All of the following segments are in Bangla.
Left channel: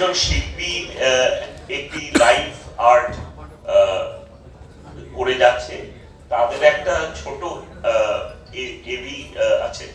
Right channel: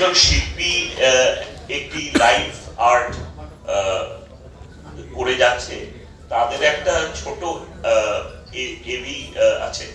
একজন শিল্পী একটি লাইভ আর্ট করে যাচ্ছে, তাদের একটা ছোট এবি আছে।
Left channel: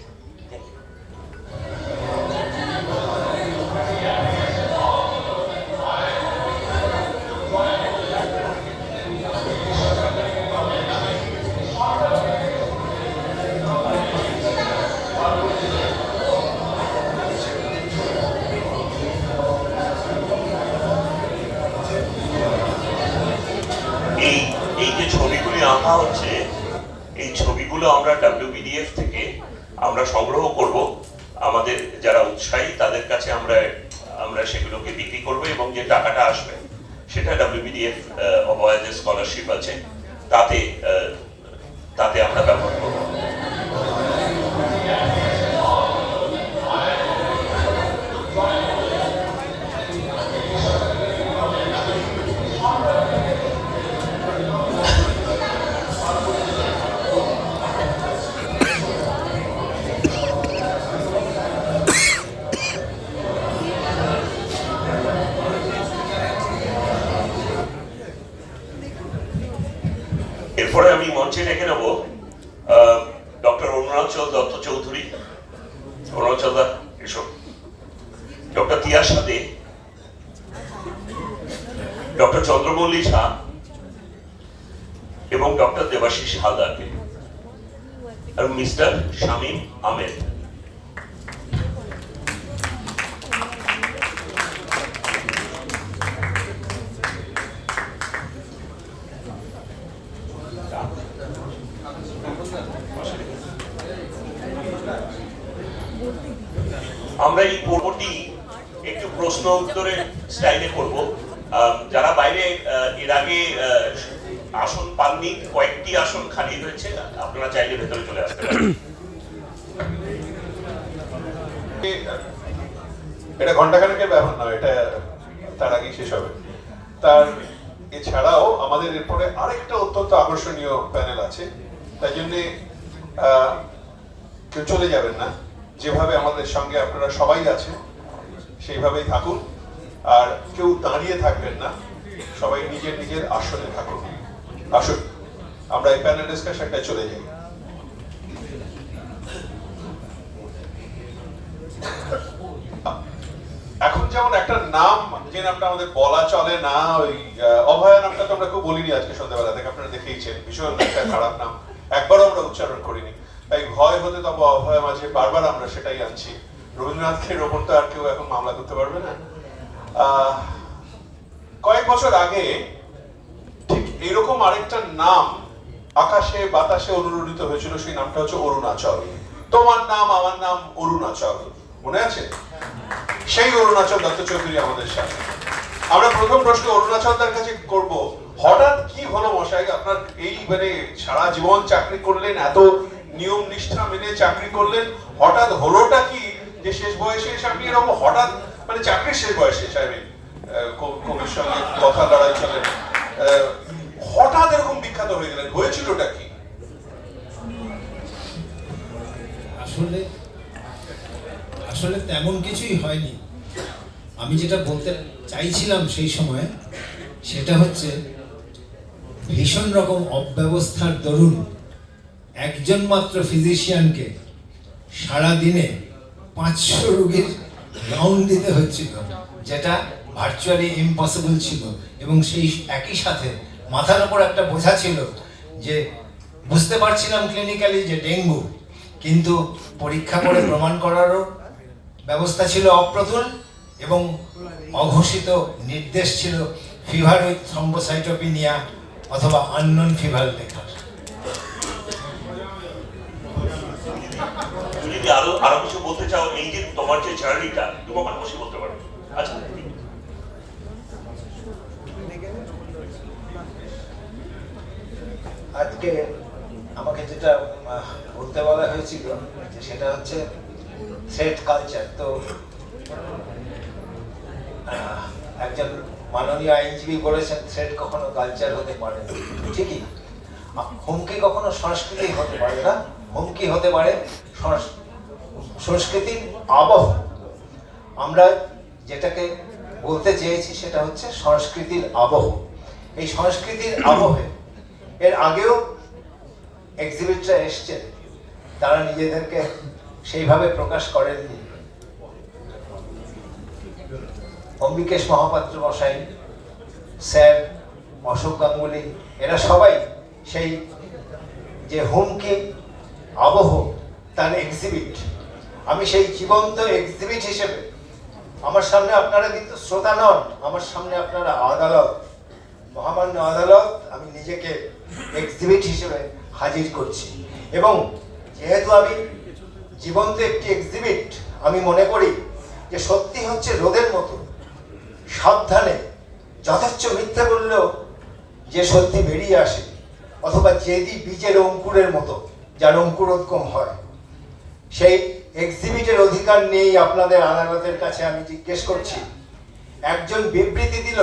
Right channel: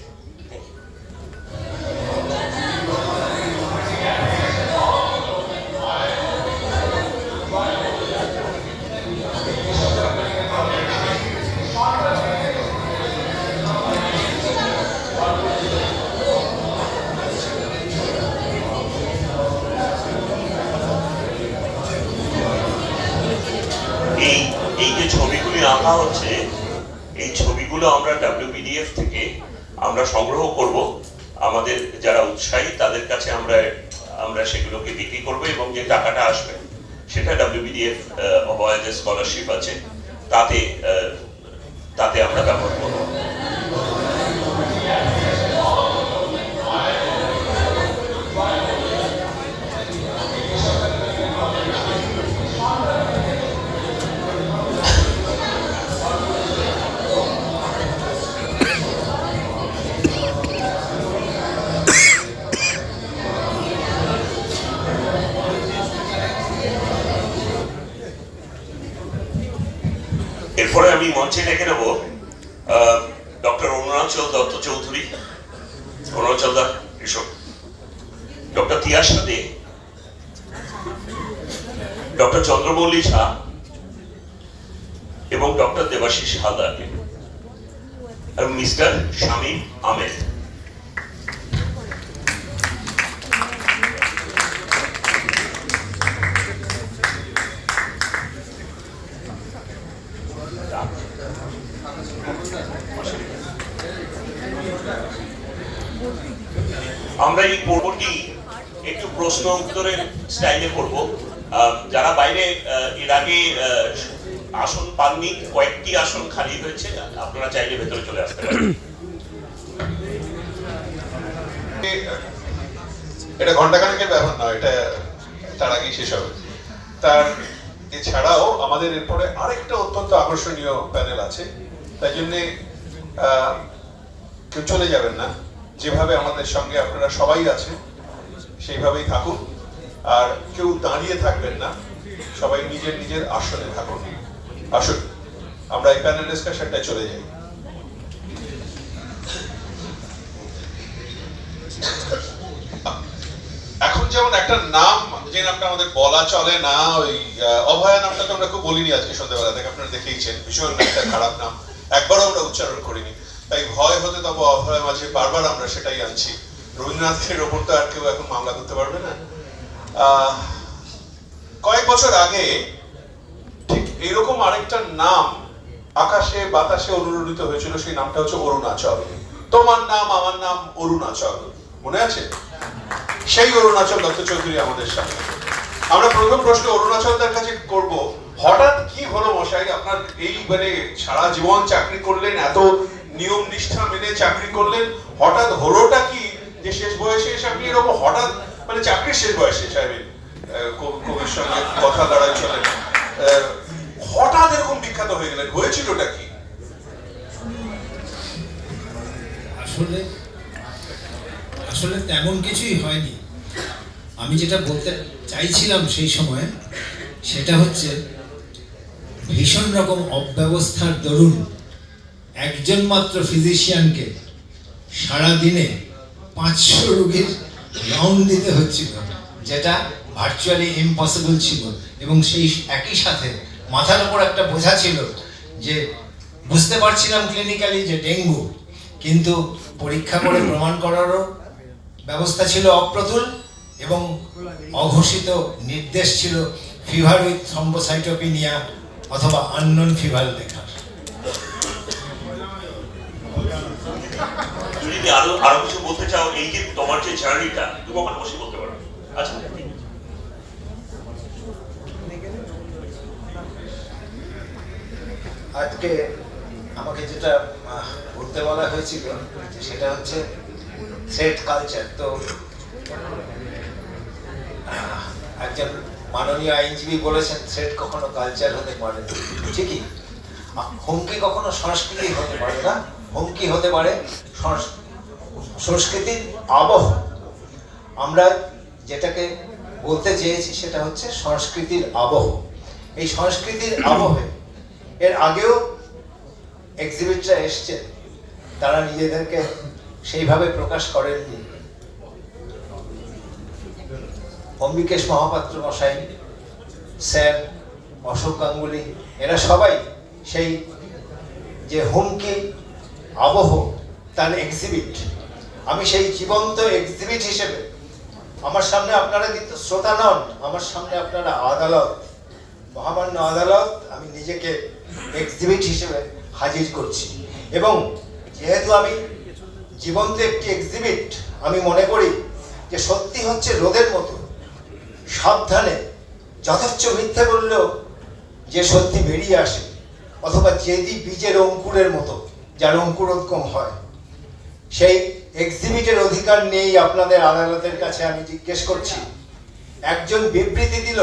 এই যে ছবিগুলি আঁকা হচ্ছে, এই ছবিগুলো আমরা WBDF থেকে আমরা সংগ্রহ করব, আমাদের যারা উৎসাহী তাদের কাছে আমরা সেগুলোকে বিক্রি করব এবং যে টাকাটা আসবে সেটা WBDF অভয়া যে স্কলারশিপ আছে তাতে আমরা ব্যবহার করব। এরপরে আমি মঞ্চে ডেকে নেব ডক্টর অরুণাচল দত্ত চৌধুরী। অরুণাচল দা এসো। ডক্টর তিয়াস দে, ডক্টর চন্দ্রমল্লী শাহ এবং ডক্টর দেবাশিস হালদার এবং মিস্টার শামীম আহমেদ। আমরা এই পর্বটি একটু প্রশ্ন উত্তরের স্টাইলে করব। যারা বাইরে এর আগে আসন পাননি, কয়েকটি আসন খালি হয়েছে, আপনারা চাইলে ভেতরে চলে আসতে পারেন। এটা ঘন্টাখানেকের ব্যাপার না, এটা তার আগেই শেষ হবে। তার এছাড়াও আমাদের এরপরে আরেকটা অত্যন্ত আকর্ষণীয় প্যানেল আছে, তাই জন্যে কেউ চলে যাবেন না। যেভাবে আমাদের সঙ্গে আপনারা সবাই আছেন সেইভাবেই থাকুন, আর কেউ দাঁড়িয়ে থাকবেন না, সবাই নিজের নিজের আসনে থাকুন। আসুন আমরা এই প্যানেল ডিসকাশনটায় চলে যাই। এখন যেমন একটা নাম, যে নামটা আমাদের বলা চলে না, ওই অভয়া নামটা তো আমরা খুব বলিনি আজকে সন্ধ্যাবেলা থেকে, আপনারা দেখেইছেন, ভীষণ একটা খারাপ নাম, একবারও আমরা উচ্চারণ করিনি। তাই ভয় হতে তবে অভয়া মাঝে বারবার আমরা সেটাই আনছি। রবীন্দ্রনাথের ওপর তো আর কেউ এখন মামলা করতে পারবে না। কয়েক বছর আগে ঠিক এইরকম আরেকটা নাম আকাশে বাতাসে অনুরণিত হয়েছিল, সেই নামটা হচ্ছে অরুণাচল। তোমার নাম আমার নাম অরুণাচল, মনে আছে? সেই অরুণাচল দত্ত চৌধুরী আমাদের সামনে। আমরা প্রথম প্রশ্ন অরুণাচল তার কাছে করব, হঠাৎ কি হলো মশাই, আপনার এই মানে সারা জীবন চাকরি করলেন, এত নিয়ম নিষ্ঠা মেনে চাকরি করলেন, হঠাৎ হলোটা কি যে শেষ বয়সে এসে আপনি এরকম হঠাৎ, মানে চাকরির শেষ বয়সে সাহেবের কবির সঙ্গে কথা দাঁড়ায় চলেন, হঠাৎ এরকম বিখ্যাত হয়ে গেলেন, হয়েছিলটা কি? আসলে তেমন কিছুই হয়নি। আমি যেটা বলতে চাইছিলাম সেই সময়, সেটা হচ্ছে ভীষণ রকম অব্যবস্থার দরুন একজন মাত্র ফিজিশিয়ানকে সারাদিনে 500 রোগীর রাউন্ড দিতে হচ্ছিল, যেটা ভার্চুয়ালি ইম্পসিবল ছিল। এবং সেই একই সাথে মাথার ওপর একটা বোঝা ছিল যে বুঝতে পারছিলাম ক্লিনিক্যালি যে ডেঙ্গু, কিন্তু পরীক্ষা করে প্রমাণ করারও ব্যবস্থা ছিল অপ্রতুল, এবং অঘোষিত নির্দেশ ছিল ফিভার উইথ থ্রম্বোসাইটোপিনিয়া অথবা আননোন ফিভার দেখার। যদি আরো কিছু বলতে চাও, এই যে তোমার যে জার্নিটা, তুমি আমার বসে বলতে পারো। আচ্ছা, আজকে আমাকে যেটা বলতে বলা হয়েছিল সেটা হচ্ছে থ্রেড কালচার। তো একজন মাননীয় আইনজীবী বলেছেন থ্রেড কখনো কালচার হতে পারে না। ঠিকই, হুমকি কখনো সংস্কৃতি হতে পারে না, হুমকি হতে পারে সংস্কৃতির আবহ। আমরা যেটাকে বলতে চেয়েছি সেটা হচ্ছে সংস্কৃতির আবহ। এই সংস্কৃতির আবহে এর আগেও এক্সিবিটরা এসছে, তারা নিজেদেরকে সেইভাবে প্রকাশ করেননি। অম্বিকেশ মহাপাত্র মশাই, স্যার অশোক গাঙ্গুলি, এরা সবাই সেই যে হুমকি আবহ তার এক্সিবিট। আমি সেই জীবন্ত এক্সিবিট হিসেবে, আমার সামনে আপনারা কিন্তু শ্রোতা নন, আমার সামনে আপনারা আদালত, মহামান্য আদালত, আমি নিজেকে এক্সিবিট হিসেবে হাজির করছি। এবং যেহেতু আমি জীবন্ত একটি এক্সিবিট, আমি মনে করি যে সত্যি হচ্ছে রোদের মতো, সাবধানে, যথেচ্ছ মিথ্যে বললেও যে সত্যি বেরিয়ে আসে, অথবা যেদি বীজের অঙ্কুরের মতো, যার অঙ্কুরোদ্গম হয়। সেই এক্সিবিটের অধিকার নেই আপনাদের আদালতের কাছে। আমি জিজ্ঞেস করছি, একজন বিবৃতি দিল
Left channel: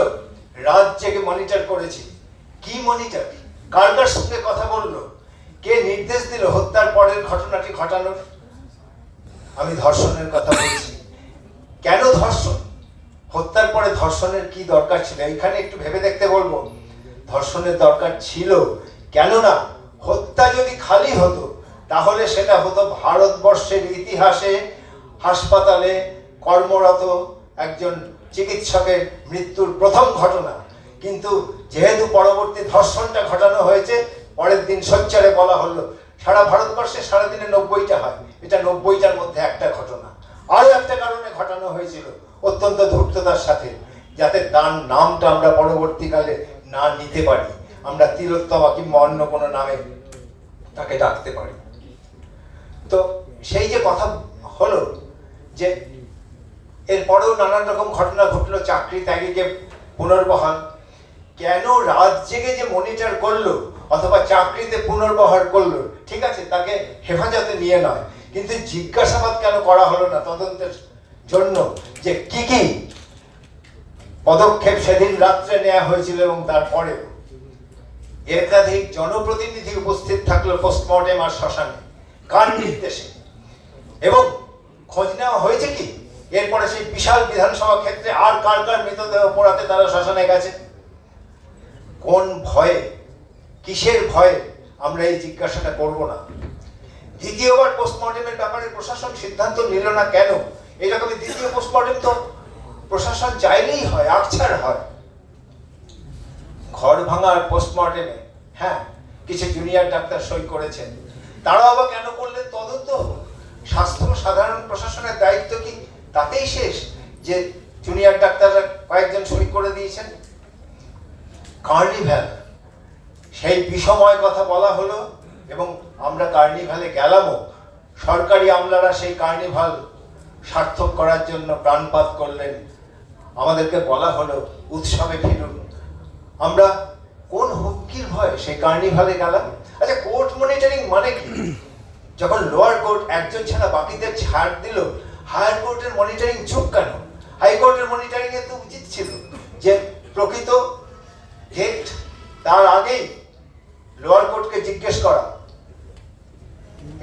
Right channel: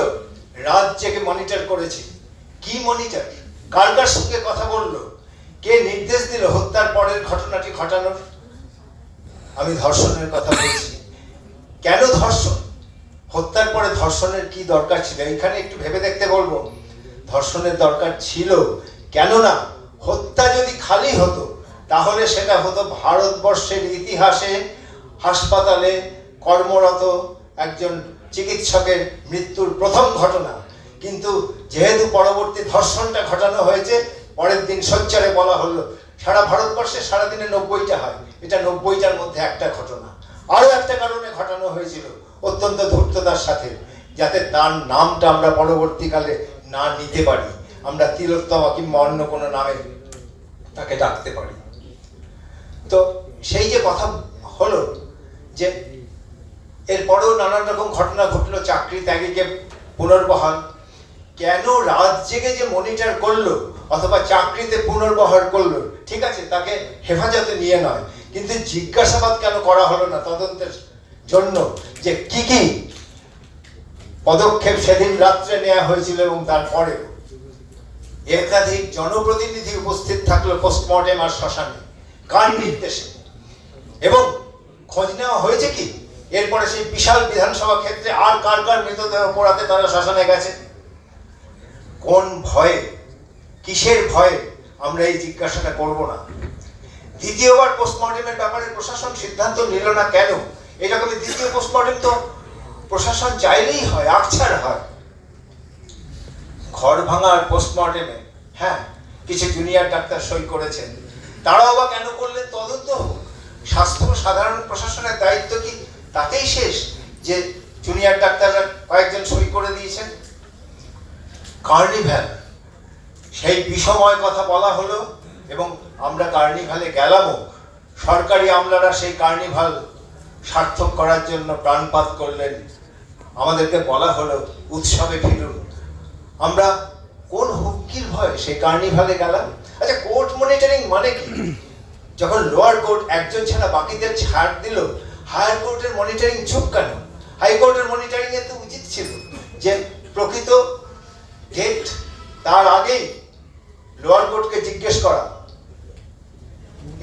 রাত জেগে মনিটর করেছি, কি মনিটর? কার কার সঙ্গে কথা বললো? কে নির্দেশ দিল হত্যার পরের ঘটনাটি ঘটানোর? আমি ধর্ষণের কথা বলছি। কেন ধর্ষণ? হত্যার পরে ধর্ষণের কি দরকার ছিল? এইখানে একটু ভেবে দেখতে বলবো। ধর্ষণের দরকার ছিল কেননা হত্যা যদি খালি হতো তাহলে সেটা হতো ভারতবর্ষের ইতিহাসে হাসপাতালে কর্মরত একজন চিকিৎসকের মৃত্যুর প্রথম ঘটনা। কিন্তু যেহেতু পরবর্তী ধর্ষণটা ঘটানো হয়েছে, পরের দিন সোচ্চারে বলা হলো সারা ভারতবর্ষে সারাদিনে 90টা হয়, এটা 90টার মধ্যে একটা ঘটনা। আরো একটা কারণে ঘটানো হয়েছিল অত্যন্ত ধূর্ততার সাথে, যাতে তার নামটা আমরা পরবর্তীকালে না নিতে পারি, আমরা তিলোত্তমা কিংবা অন্য কোনো নামে তাকে ডাকতে পারি। তো সেই যে কথা হলো যে এরপরেও নানান রকম ঘটনা ঘটলো, চাকরি ত্যাগীকে পুনর্বহাল, কেন রাত জেগে যে মনিটর করলো অথবা চাকরিতে পুনর্বহাল করলো, ঠিক আছে, তাকে হেফাজতে নিয়ে নয়, কিন্তু জিজ্ঞাসাবাদ কেন করা হলো না তদন্তের জন্য যে কি কি পদক্ষেপ সেদিন রাত্রে নেওয়া হয়েছিল এবং তারপরে একাধিক জনপ্রতিনিধি উপস্থিত থাকলো পোস্টমর্টেম আর শ্মশানে, কার নির্দেশে? এবং খোঁজ নেওয়া হয়েছে কি এরপরে সেই বিশাল বিধানসভা ক্ষেত্রে আর কার কার মৃতদেহ পোড়াতে তারা শ্মশানে গেছে? কোন ভয়ে, কিসের ভয়ে আমরা এই জিজ্ঞাসাটা করব না? দ্বিতীয়বার পোস্টমর্টেমের ব্যাপারে প্রশাসন সিদ্ধান্ত নিল না কেন? এইরকমই দ্বিতীয় পোস্টমর্টেম তো প্রশাসন চাইলেই হয়, আকছাড় হয়। ঘর ভাঙার পোস্টমর্টেমে হ্যাঁ কিছু জুনিয়র ডাক্তার সই করেছেন, তারাও আবার কেন করলেন? তদন্ত হোক। স্বাস্থ্য সাধারণ প্রশাসনের দায়িত্ব কি তাতেই শেষ যে জুনিয়র ডাক্তাররা কয়েকজন সই করে দিয়েছেন? কার্নিভ্যাল, সেই বিষময় কথা বলা হলো এবং আমরা কার্নিভালে গেলামও। সরকারি আমলারা সেই কার্নিভাল সার্থক করার জন্য প্রাণপাত করলেন। আমাদেরকে বলা হলো উৎসবে ফিরুন। আমরা কোন হুমকির ভয় সেই কার্নিভালে গেলাম? আচ্ছা, কোর্ট মনিটরিং মানে কি? যখন লোয়ার কোর্ট একজন ছাড়া বাকিদের ছাড় দিল, হায়ার কোর্টের মনিটরিং চুপ কেন? হাইকোর্টের মনিটরিং এ তো উচিত ছিল যে প্রকৃত ডেট তার আগেই লোয়ার কোর্টকে জিজ্ঞেস করা।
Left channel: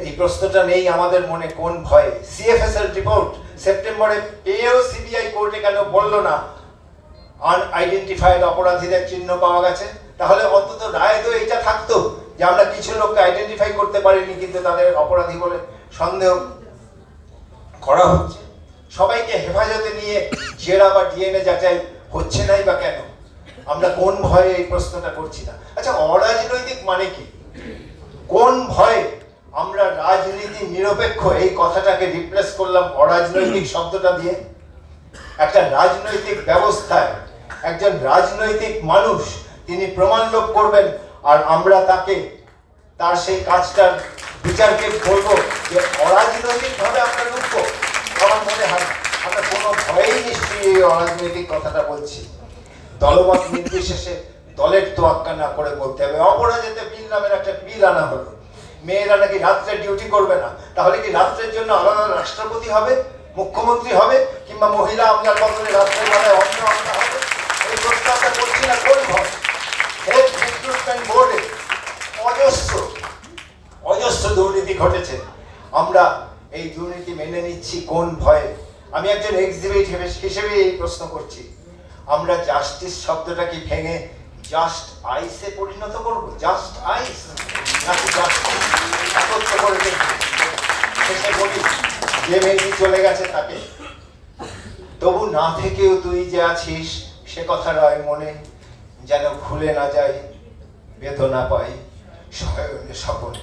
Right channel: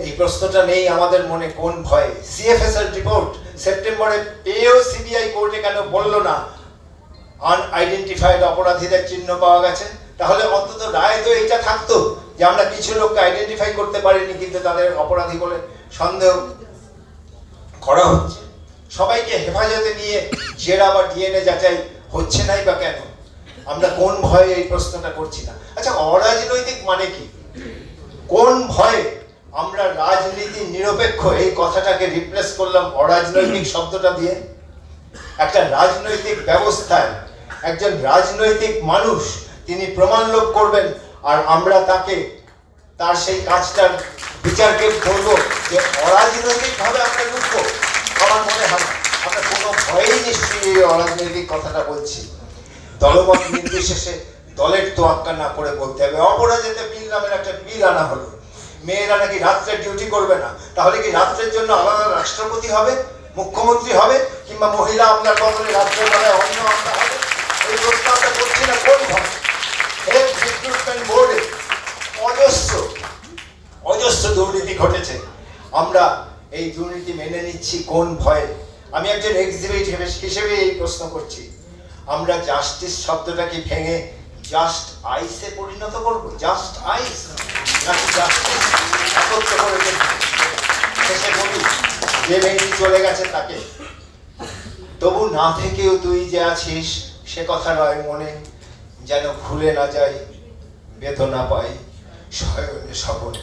এই প্রশ্নটা নেই আমাদের মনে। কোন ভয়ে? সিএফএস এর রিপোর্ট সেপ্টেম্বরে পেয়েও সিবিআই কোর্টে কেন বলল না আনআইডেন্টিফাইড অপরাধীদের চিহ্ন পাওয়া গেছে? তাহলে অন্তত রায় তো এইটা থাকতো যে আমরা কিছু লোককে আইডেন্টিফাই করতে পারিনি কিন্তু তাদের অপরাধী বলে সন্দেহ করা হচ্ছে। সবাইকে হেফাজতে নিয়ে জেরা বা ডিএনএ যাচাই হচ্ছে নাই বা কেন? আমরা কোন ভয়ে এই প্রশ্নটা করছি না? আচ্ছা, অরাজনৈতিক মানে কি? কোন ভয়ে আমরা রাজনীতি নিরপেক্ষ এই কথাটাকে রিপ্লেস করলাম অরাজনৈতিক শব্দটা দিয়ে? একটা রাজনৈতিক ব্যবস্থায় একজন রাজনৈতিক মানুষ তিনি প্রমাণ লোপ করবেন আর আমরা তাকে তার সেই কাজটার বিচারকে বলবো যে অরাজনৈতিক ভাবে আমরা লুকবো? আমার মনে হয় আমরা কোনো ভয়েই নিশ্চয়ই এই অরাজনৈতিক কথাটা বলছি। দলমত নির্বিশেষে দলের তোয়াক্কা না করে বলতে হবে। অপরাজিত বিল নামের একটা বিল আনা হলো, মেয়েরা নাকি রাত্রে ডিউটি করবে না। তাহলে কি রাত্রের জন্য আলাদা রাষ্ট্রপতি হবে, মুখ্যমন্ত্রী হবে, কিংবা মহিলা আমলার বদলে রাত্রের বেলায় অন্য আমলা হবে? এই প্রস্তাবটা করছি না কোন ভয়? হেলথ রিক্রুটমেন্ট বোর্ডে অজস্র দুর্নীতি ঘটেছে। আমরা এই দুর্নীতি মেনে নিচ্ছি কোন ভয়ে? আমি একজন এক্সিবিট হিসেবে এই প্রশ্ন করছি। আমরা জাস্টিস শব্দটাকে ভেঙে জাস্ট আইসে পরিণত করব? জাস্ট আইস নাকি জাস্টিস একত্র করে দেব? শেষে বলি, যে মেয়েটি চলে গেছে তাকে, তবু না থেকেও তুই যে আছিস সে কথা নয় মনে, যেন ভুলে না যাই, বেদনা পাই শয়নে স্বপনে।